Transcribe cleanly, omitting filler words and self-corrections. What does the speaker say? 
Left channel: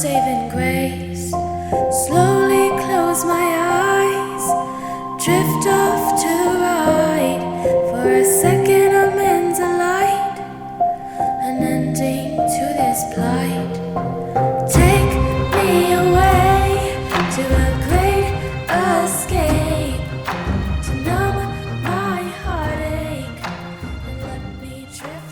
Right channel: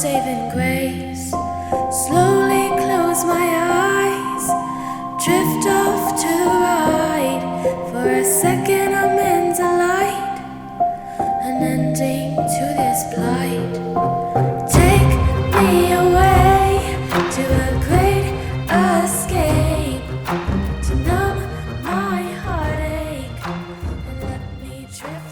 saving grace. Slowly close my eyes, drift off to the right. For a second I'm in delight, an ending to this plight. Take me away to a